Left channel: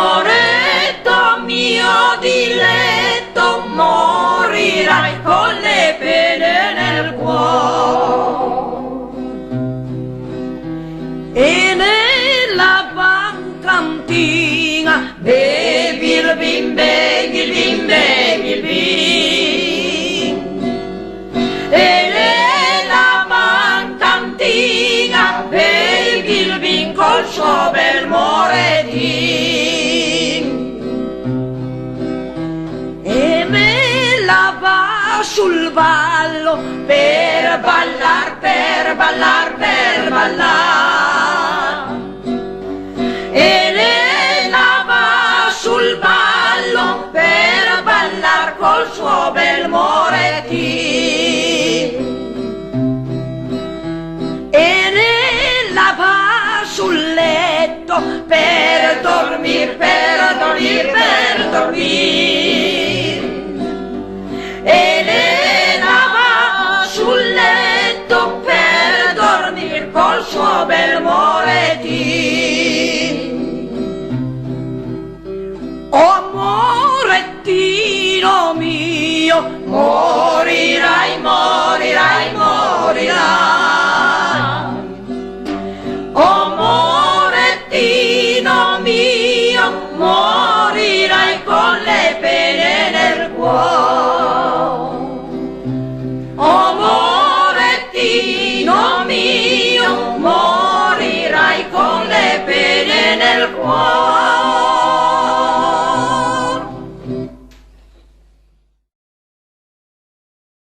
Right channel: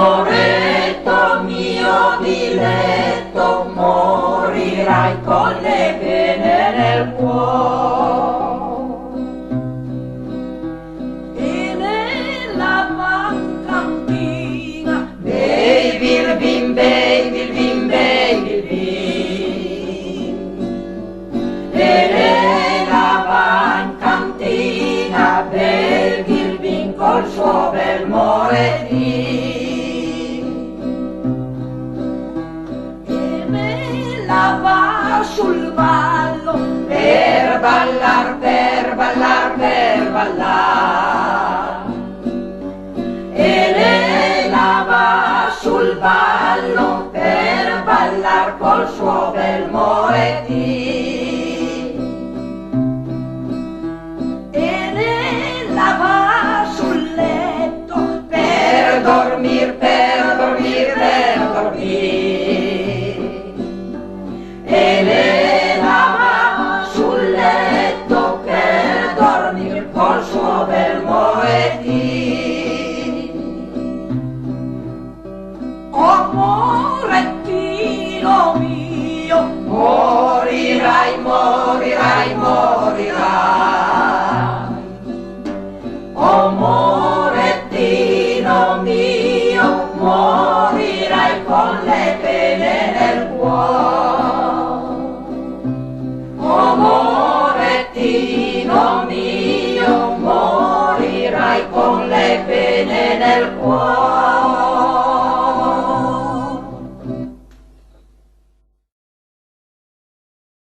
Amoretto mio diletto, morirai con le pene nel cuore. E nella bancantina bevi il vin, bevi il vin, bevi il vin. E nella bancantina bevi il vin col suo bel moredin. E me la va sul ballo per ballar,